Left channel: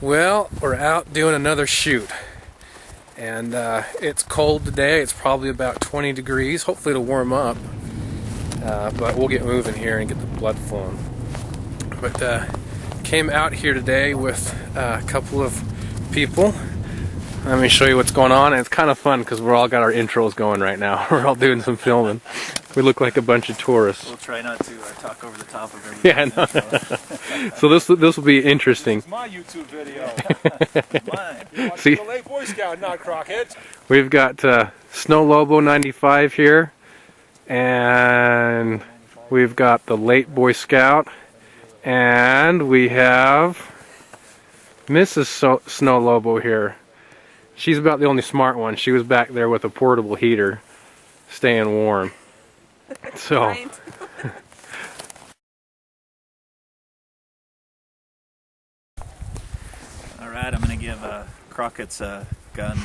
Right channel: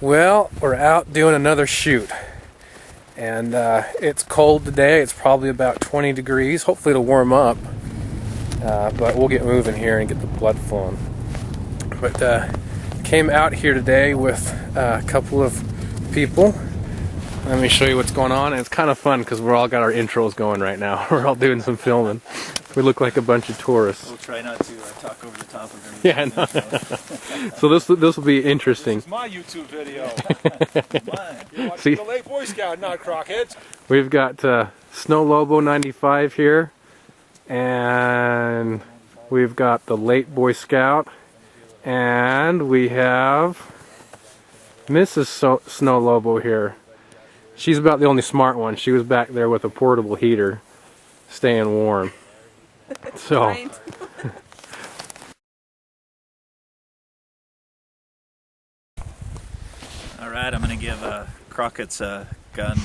Well, we're out doing another shoot, and it's cold today. It's probably about 20 degrees. Hopefully it'll warm up, but we'll get moving here and get the blood flowing. But came out here today with a couple of people. Let me show you what's going on, and it's kind of fun because we're all got our intros going right now. We're all doing some filming. We look like a bunch of tourists. We'll try not to talk over the top of everything. Yeah, I know. So this will be interesting. This is my YouTube video. Mine. You're watching the late Boy Scout, not Crockett. We've got Snow Lobo 95 here, and we've got the late Boy Scout, and we have Mrs. Snow Lobo here. She's about the only smart one. She was back there with a portable heater, staying warm. So. Right. All right, I'm going to give Crockett's gun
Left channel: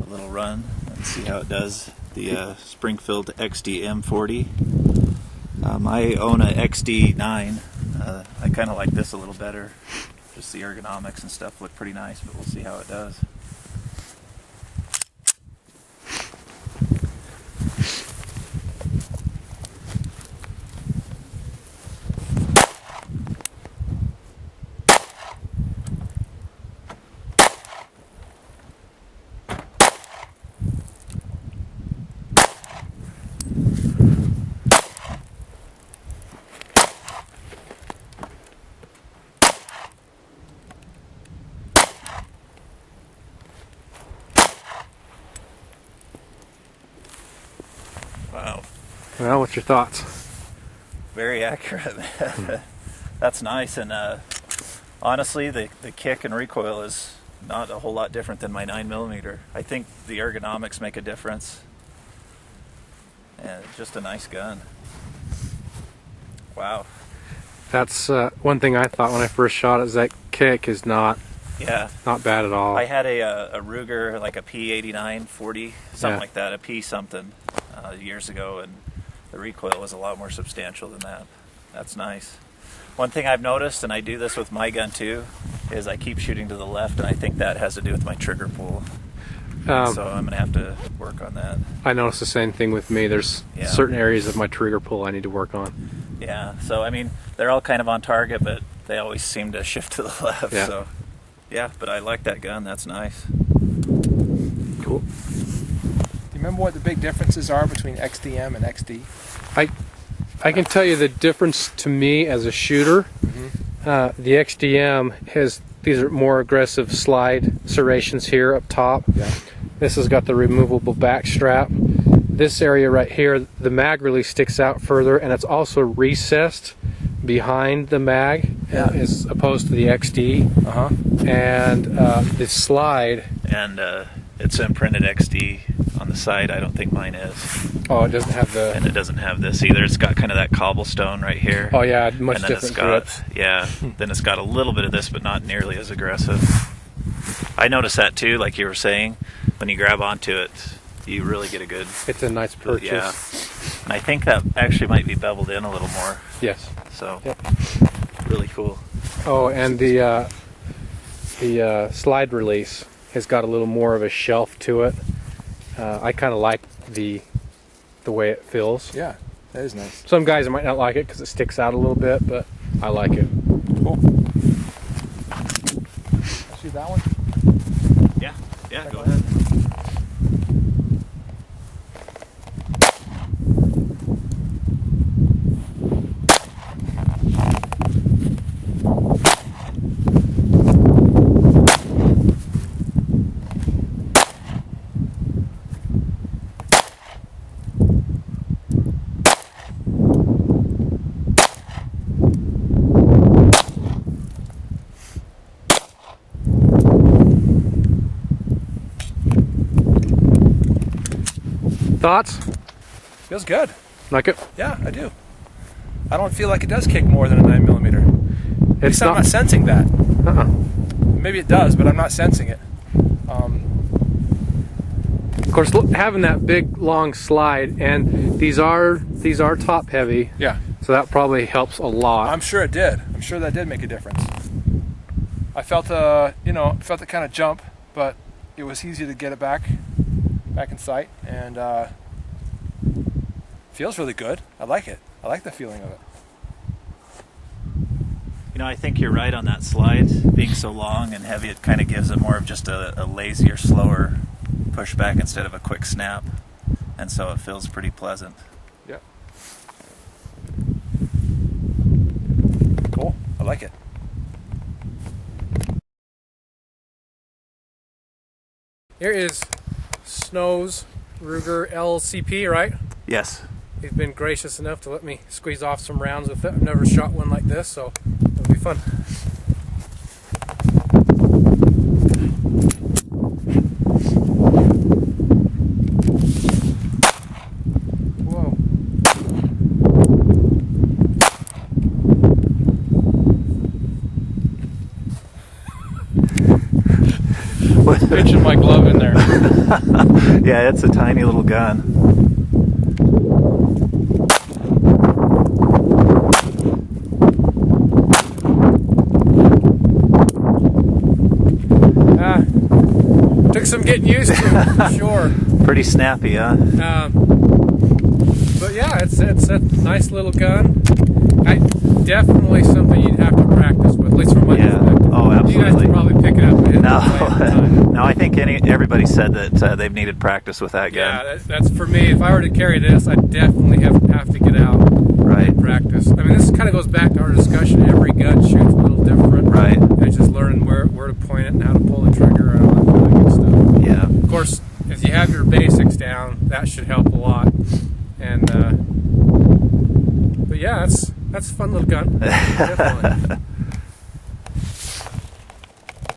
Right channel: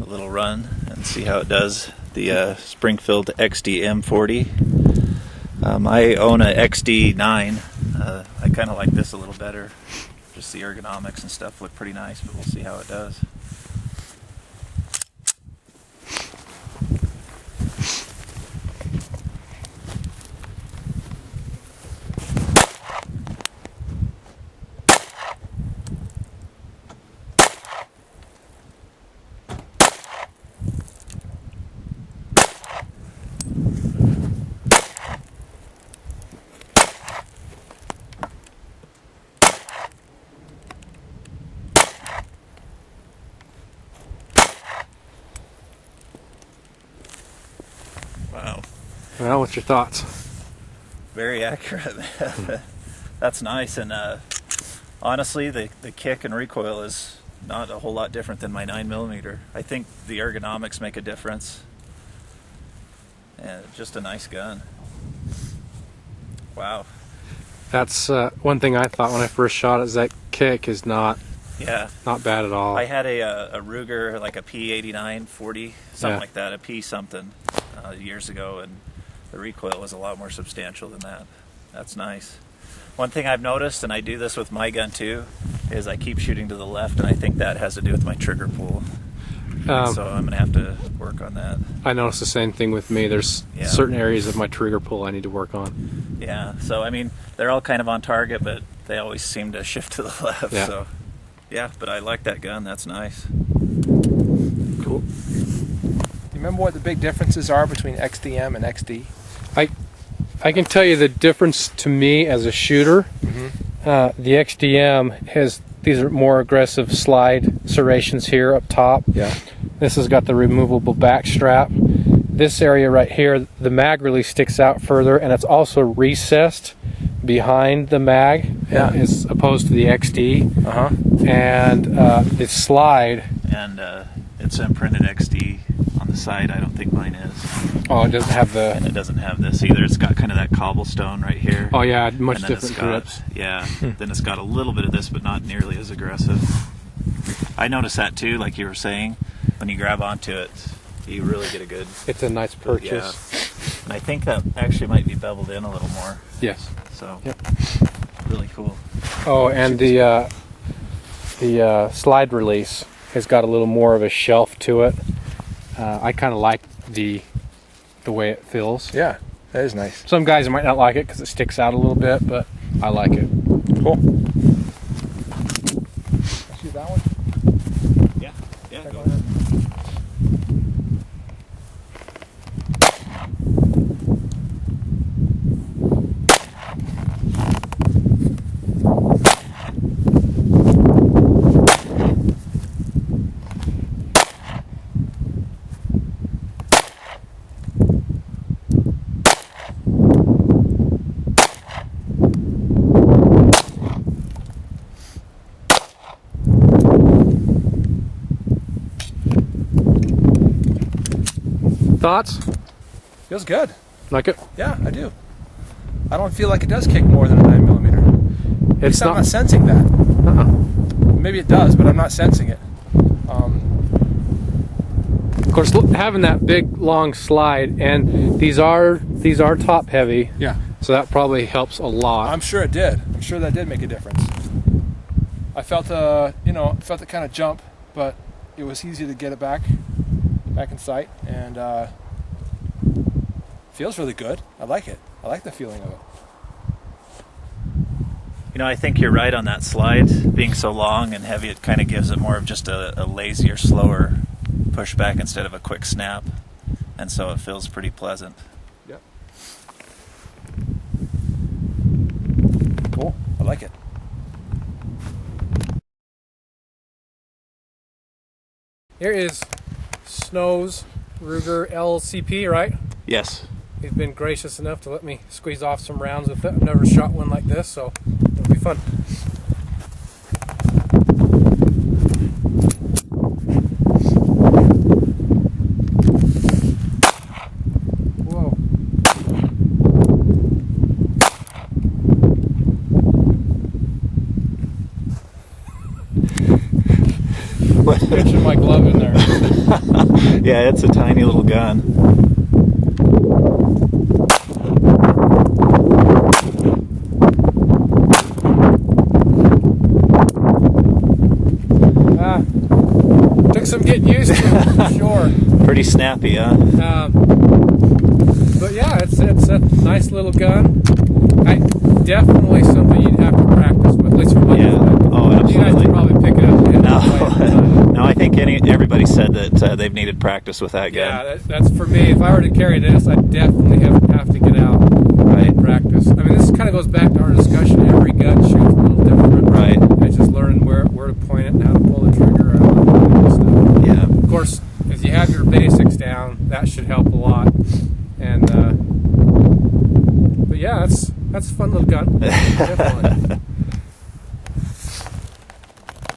a little run and see how it does. The Springfield XDM 40. I own a XD9. I kind of like this a little better. Just the ergonomics and stuff look pretty nice, but we'll see how it does. Wow. Well, what's your thoughts? Very accurate. That's nice, and honestly, the kick and recoil is not a whole lot different than my 9mm. I think the ergonomics make a difference, and just a nice gun. Wow. That's one thing I thought when I first shot it, is that kick is not bad at all. I had a Ruger, like a P89 40, something like that, a P something, years ago, and the recoil was a lot more substantial than that. That's nice. One thing I've noticed, and I do this with my gun too, is I keep shooting to the left, and I think that has to do with my trigger pull. So I'm going to have to work on that. I noticed the same thing with me. There's certain areas of my trigger pull I need to work on. Yeah, so I mean, they're all kind of on target, but they always seem to shift to the left. Yeah. So, yeah, but I like that gun. That's nice. Cool. Do you remember what the big differences are between XDM and XD? I can tell you the difference to me as a shooter. The XDM has, these are more aggressive slide serrations here up top. Yeah. This has got the removable back strap. This area right here, the mag really sticks out further, and it's also recessed behind the mag, as opposed to the XD. And the slide. And it's imprinted XD on the side. I don't think mine is. Oh, it doesn't have the. And it doesn't have this either. It's got kind of that cobblestone right here. Oh yeah, much and different grips. Yeah. Then it's got a little bit of this, but not nearly as aggressive. I noticed that too, like you were saying. When you grab onto it, you really get a good. It's a nice purchase. Yeah. And I think that actually might be beveled in a little more. Yes. So. Yep. Really cool. Oh, and the slide release has got a little more of a shelf to it. I kind of like the way it feels. Yeah, that is nice. Some guys might not like it because it sticks out a little bit, but I like it. Cool. Let's use that one. Yeah, go ahead. Thoughts? Feels good. Like it? Yeah, I do. I don't feel like it does kick more than a 9mm. It's I'm not sensing that. Maybe it does, but I'm not sensing it. Of course, having that big long slide, and these are top heavy. Yeah. So that probably helps a lot. I'm sure it did. I'm sure that did make a difference. I felt felt it kind of jump, but it was easy to get it back in sight, and feels really good. I like it. I like the feeling of it. You know, I think you're right on that slide. Being so long and heavy, it kind of gives it more of just a lazier, slower pushback instead of a quick snap, and so it feels pretty pleasant. Yeah. Cool. I like it. Here is Snow's Ruger LCP, right? Yes. He's been gracious enough to let me squeeze off some rounds with it. I've never shot one like this, so it'll be fun. Whoa. Pitching my glove in there. Yeah, it's a tiny little gun. Took some getting used to, for sure. Pretty snappy, huh? But yeah, it's a nice little gun. Definitely something you'd have to practice with, at least from my perspective. Oh, You guys absolutely. could probably pick it up and hit No, it away at the time. no. I think everybody said that they've needed practice with that gun. Yeah, that's for me. If I were to carry this, I'd definitely have to get out Right. and practice. I mean, this kind of goes back to our discussion. Every gun shoots a little different. Right. And it's just learning where to point it and how to pull the trigger and all that kind of good stuff. Yeah. Of course, if you have your basics down, that should help a lot. And but yeah, that's a fun little gun. Definitely.